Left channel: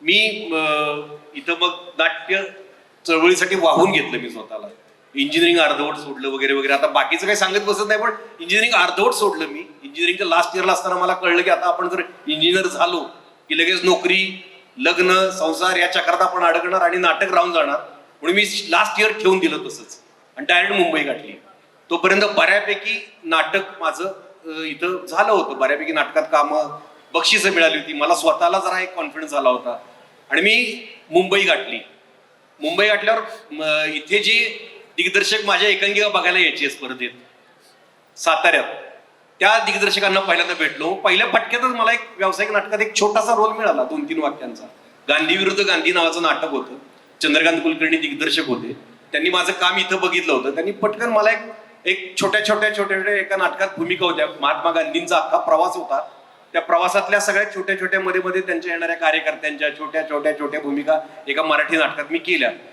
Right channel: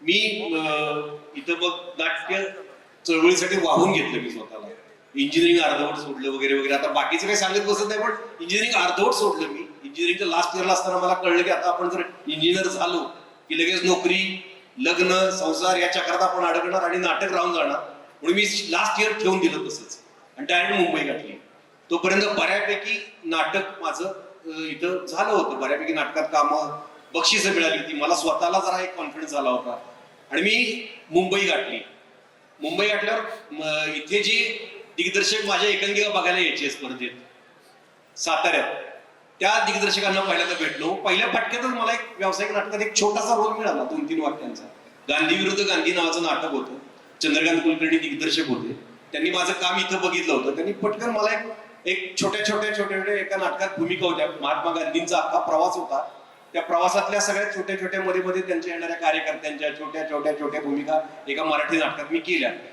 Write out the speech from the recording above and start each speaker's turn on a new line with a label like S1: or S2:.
S1: मी इथं मग नाट्य चळवळीसाठी वाहून घेतलं मी स्वतःला. इंजिनिअरिंग अर्धवट सोडलं वगैरे वगैरे. आता बाकीचं काही सांगत बसत नाही पण इंजिनिअरिंग अर्धवट सोडलं मी. इंजिनिअरिंगच्या लास्ट इयरला असताना मला कळलं की आता आपण जर इंजिनियर झालो की लगेच नोकरी लग्न संसार या चक्रात आपण अडकणार आणि नाटक राहून जाणार. म्हणून मी लास्ट इयर ठेवून दिलं तसंच. आणि डायरेक्ट मुंबई गाठली तोपर्यंत बऱ्यापैकी नाटक माझं इथं झालं होतं. बऱ्यापैकी नाटकात कामं बक्षिसं मिळाली होती. मला स्वतःला जरा एक कॉन्फिडन्स झाला होता. आणि मी मुंबई गाठली. मुंबई गाठल्यावर इथे जी दिग्दर्शक माझ्या एकांकिका बघायला यायची स्पर्धेत. साताऱ्यात. त्या दिग्दर्शकांना पहिल्यांदा भेटलो. पहिल्या फटक्यातच मला एक व्यावसायिक नाटकात एक छोटासा रोल मिळाला दोन तीन वाक्यांचा. गांधी विरुद्ध गांधी नावाचं नाटक होतं. चंद्रकांत कुलकर्णी दिग्दर्शक होते. त्यांनी माझं काम इथं बघितलं होतं. त्यांनी पटकन मला एक एक छोट्या छोट्या छोट्या छोट्या एका नाटकात भूमिका होत्या. महात्मा गांधींचा अख्खा प्रवास होता. त्या प्रवासातल्या सगळ्या छोट्या छोट्या मध्ये मध्ये त्यांच्या येणाऱ्या कार्यकर्त्यांच्या छोट्या छोट्या छोट्या भूमिका एका मराठी नाटकात मी केल्या.